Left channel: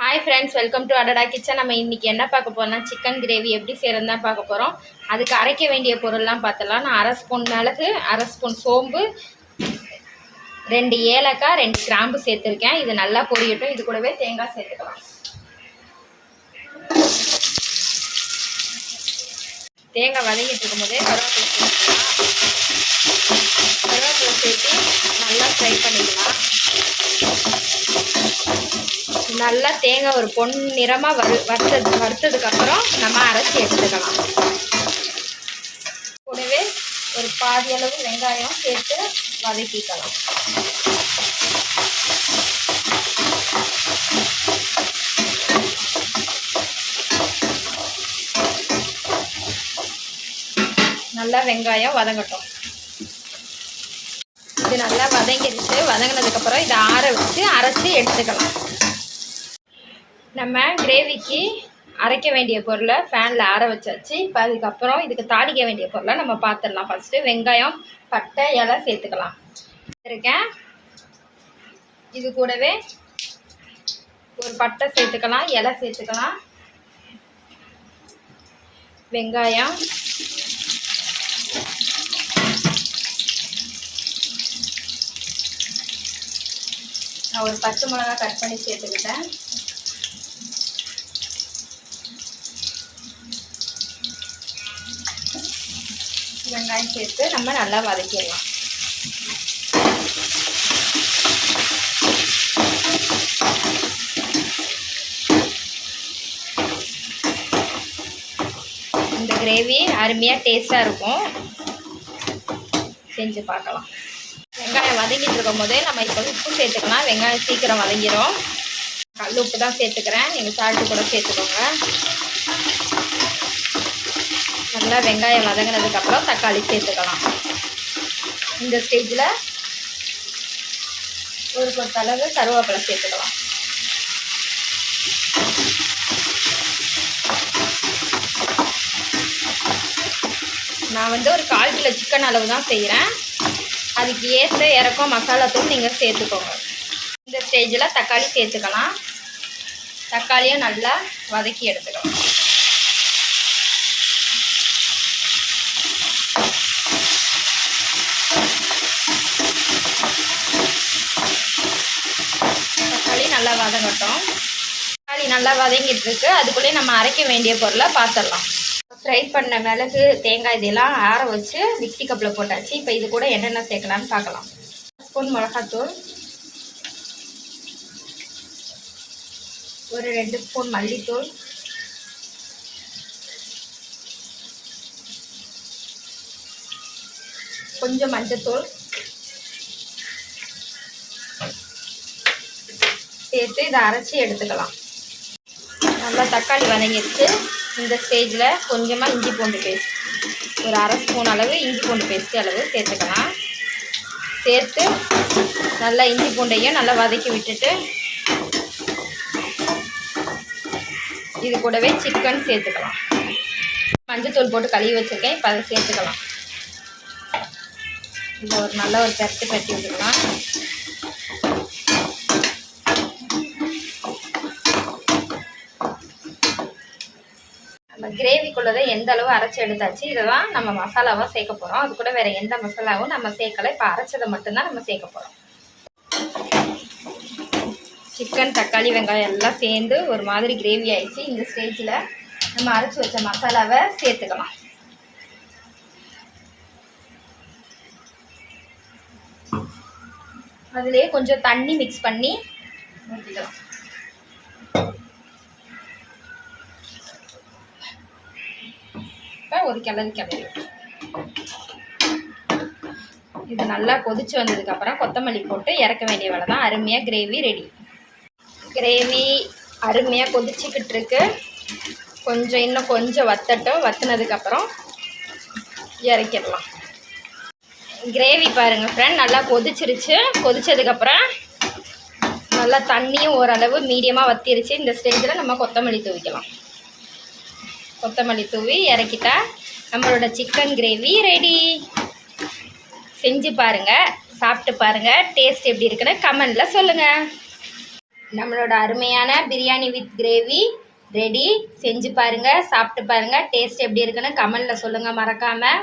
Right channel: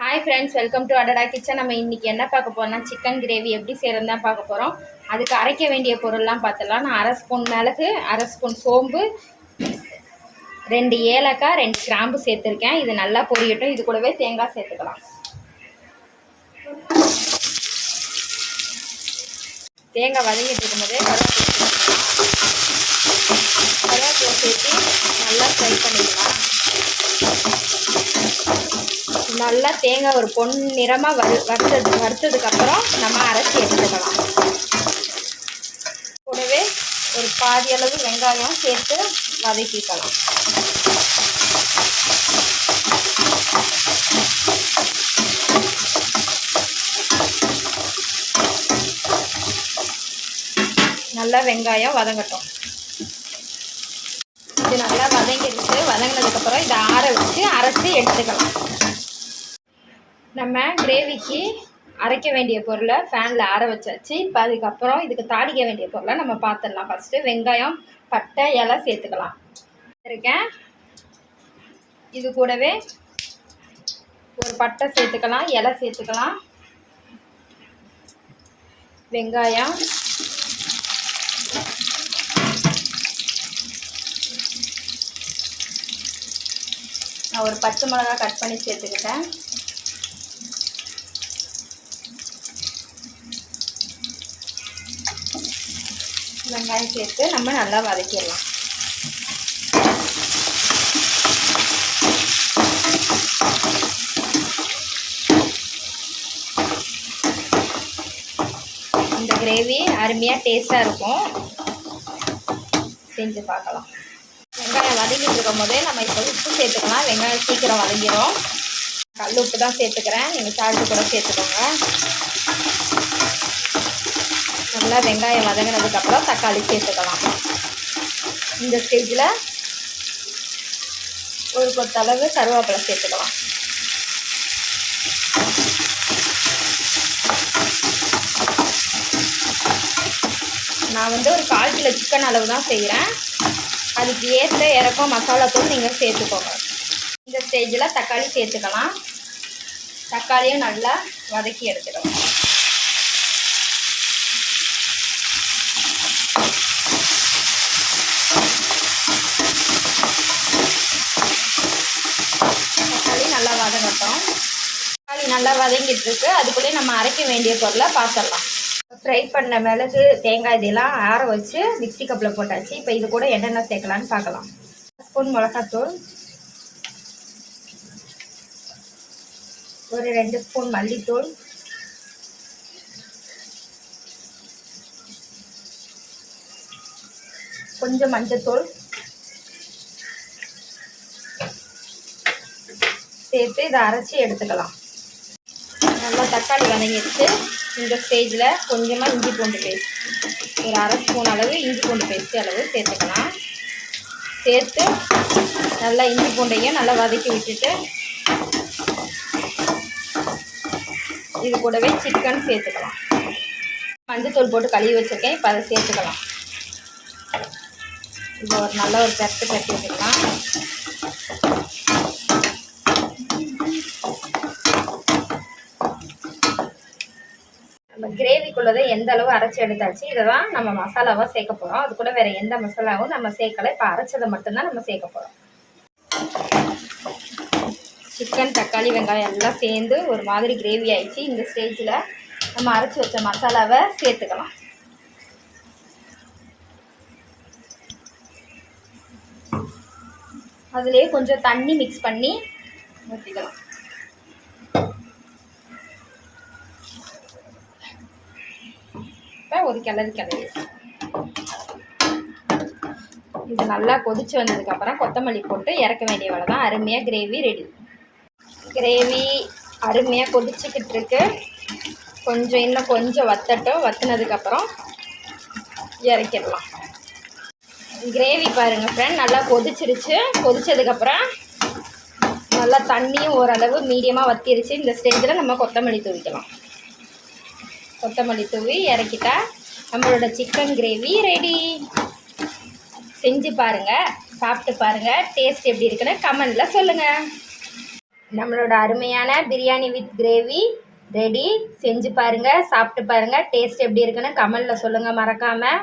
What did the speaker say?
Hi friends, welcome to அடடா kitchen. நம்ம இன்றைக்கி என்ன பார்க்க போகிறோம்னா சிக்கன் கிரேவி எப்படி செய்கிறதுன்னு தான் பார்க்க போகிறோம். அதுக்கு அரைக்க வேண்டிய பொருள்லாம் பார்த்துலாம். நான் 1/2 ஸ்பூன் மிளகு, 1/2 ஸ்பூன் சோம்பு, 2 ஏலக்காய், 2 கிராம்பு சேர்த்துருக்கேன். இது நல்லா பொரியட்டும். இது கூடவே தேங்காய் சேர்த்துக்கலாம். தேங்காய் வதங்கிட்டு இருக்கும் போதே கருவேப்பிலை சேர்த்து நல்லா ஃப்ரை பண்ணிக்கலாம். நல்லா தேங்காய் ஒரு பொன்னிறமாக வறுத்ததுக்கப்புறம் நம்ம அரைச்சி எடுத்துக்கலாம். கூடவே ஒரு பாதி அளவு வெங்காயம் சேர்த்து வதக்கிக்கலாம். நல்லா வெங்காயம் வதங்கட்டும். இது நல்லா வதங்கிடுச்சு. வதங்கினதுக்கப்புறம் இதை ஆற வச்சு அரைச்சி எடுத்துக்கலாம். நம்ம கிரேவிக்கு அரைக்க வேண்டிய பொருளை ஃபேனில் ஆற வச்சாச்சு. இப்போ அதுக்கப்புறம் இதுக்கு தாளிக்க வேண்டிய பொருளை நம்ம பார்த்துடலாம். ஃபஸ்ட்டு வெங்காயம், பட்டை, இலை சேர்த்துக்கலாம். இருக்கேன். இது கூடவே ஒரு பட்டை சேர்த்துக்கலாம், இலை சேர்த்துக்கலாம், வெங்காயம், நான் ஒரு 10 மிளகாய் கட் பண்ணி சேர்த்துக்கிட்டேன். வெங்காயம் சேர்த்து நம்ம நல்லா வதக்கிடலாம். இந்த கிரேவி அருமையாக டேஸ்ட்டாக இருக்கும். செஞ்சு பார்க்கலாம். வெங்காயம் வதங்கிட்டு இருக்கும் போதே நம்ம இப்போ உப்பு சேர்த்துக்கலாம். வெங்காயம் சீக்கிரம் வதங்கிடும். கல் உப்பு தான் சேர்த்துக்கிறேன். நீங்கள் சால்ட்டு கூட சேர்த்துக்கோங்க. நல்லா வெங்காயம் வதங்கினதுக்கப்புறம் தக்காளி சேர்த்துக்கலாம். இந்த ஸ்டேஜில் ஒரு கொத்தளவு கருவேப்பிலை சேர்த்துக்கலாம். நான் ஒரு 1/4 கிலோ சிக்கன் அளவு தான் செய்கிறேன். அதுக்கு ஏற்ற இறக்கம் மசாலாத்தூள் நீங்கள் சேர்த்துக்கோங்க. இந்த ஸ்டேஜில் தக்காளி சேர்த்துக்கலாம். தக்காளியை நல்லா வதக்கி எடுத்துக்கலாம். தக்காளி நல்லா வதங்கட்டும். தக்காளி நல்லா வதங்கிட்டு இருக்கு. அதுக்குள்ளே நம்ம அரைக்க வேண்டிய பொருளை பார்த்துடலாம். ஃப்ரை பண்ண மிளகு, தேங்காய் இதெல்லாம் ஆற வச்சு மிக்ஸி கப்பில் போட்டாச்சு. இப்போ இது கூட என்னென்ன சேர்க்கலான்னு பார்க்கலாம். 1 ஸ்பூன் மிளகாத்தூள், ஒரு 2 ஸ்பூன் மல்லித்தூள், கொஞ்சம் மஞ்சத்தூள் சேர்த்து இதை அரைச்சி எடுத்துக்கலாம். நல்லா தக்காளி வதங்கிடுச்சு. இந்த ஸ்டேஜில் கொஞ்சமாக இஞ்சி பூண்டு பேஸ்ட், ஒரு 1/2 ஸ்பூன் அளவு இஞ்சி பூண்டு பேஸ்ட் அளவு சேர்த்துக்கலாம். சேர்த்து நல்லா இஞ்சி பூண்டையும் நல்லா வதக்கி விட்டுட்டு இது கூடவே சிக்கன் சேர்த்துக்கலாம். மஞ்சத்தூள் போட்டு கழுவி வச்சுருக்கேன். இப்போ அதை சேர்த்துக்கலாம். இப்போ நல்ல ஒரு பெரட்டி விட்டுக்கலாம். நம்ம கிரேவிக்குள்ளதை எந்த அளவு அரைச்சி எடுத்தாச்சு. இதை தான் நம்ம மசாலாவாக சேர்க்க போகிறோம். அது கூட வேறு எந்த மசாலாவும் நம்ம சேர்க்கலை. இப்போ அரைச்சதை மட்டும்தான் நம்ம சேர்க்க போகிறோம். சிக்கன், தக்காளி, வெங்காயம் எல்லாம் சேர்ந்து ஒரு மாதிரி கிரேவி ஆயிடுச்சு. இந்த ஸ்டேஜில் நம்ம அரைச்சி வச்ச மசாலாவை சேர்த்துக்கலாம். அதுலேயே கொஞ்சம் தண்ணி மிக்ஸ் பண்ணி ஊற்றிக்கலாம். ஒரு கிளறி இது நல்லா கொதிச்சு வந்ததுக்கப்புறம் கொத்தமல்லி போட்டு இறக்க வேண்டிய வேலை தான். அருமையாக கிரேவி ரெடி. கிரேவி அருமையாக கொதிச்சுக்கிட்டு இருக்கு. இன்னும் கொஞ்சம் வத்தட்டும். வத்தினதுக்கப்புறம் இறக்கிடலாம். கிரேவி பாருங்கள் ஃப்ரெண்ட், நல்லா கொதிச்சிருச்சு. கொதிச்சதுக்கப்புறம் நல்லா தண்ணியும் ஓரளவு மீடியமாக வத்திருச்சு. இந்த ஸ்டேஜில் நம்ம கொத்தமல்லி தூவிக்கலாம். கொத்தமல்லி தூவி இறக்கிட்டா நம்மளோட சிக்கன் கிரேவி ரெடி. செஞ்சு பாருங்கள், சாப்பிட்டு பாருங்கள். டேஸ்ட் எப்படி இருக்குன்னு கமெண்டில் சொல்லுங்கள். நம்மளோட அருமையான பிரியாணி வித் கிரேவி ரெடி. செஞ்சு பாருங்கள், சாப்பிட்டு பாருங்கள், டேஸ்ட் எப்படி இருக்குன்னு கமெண்டில் சொல்லுங்கள் மறக்காமல்.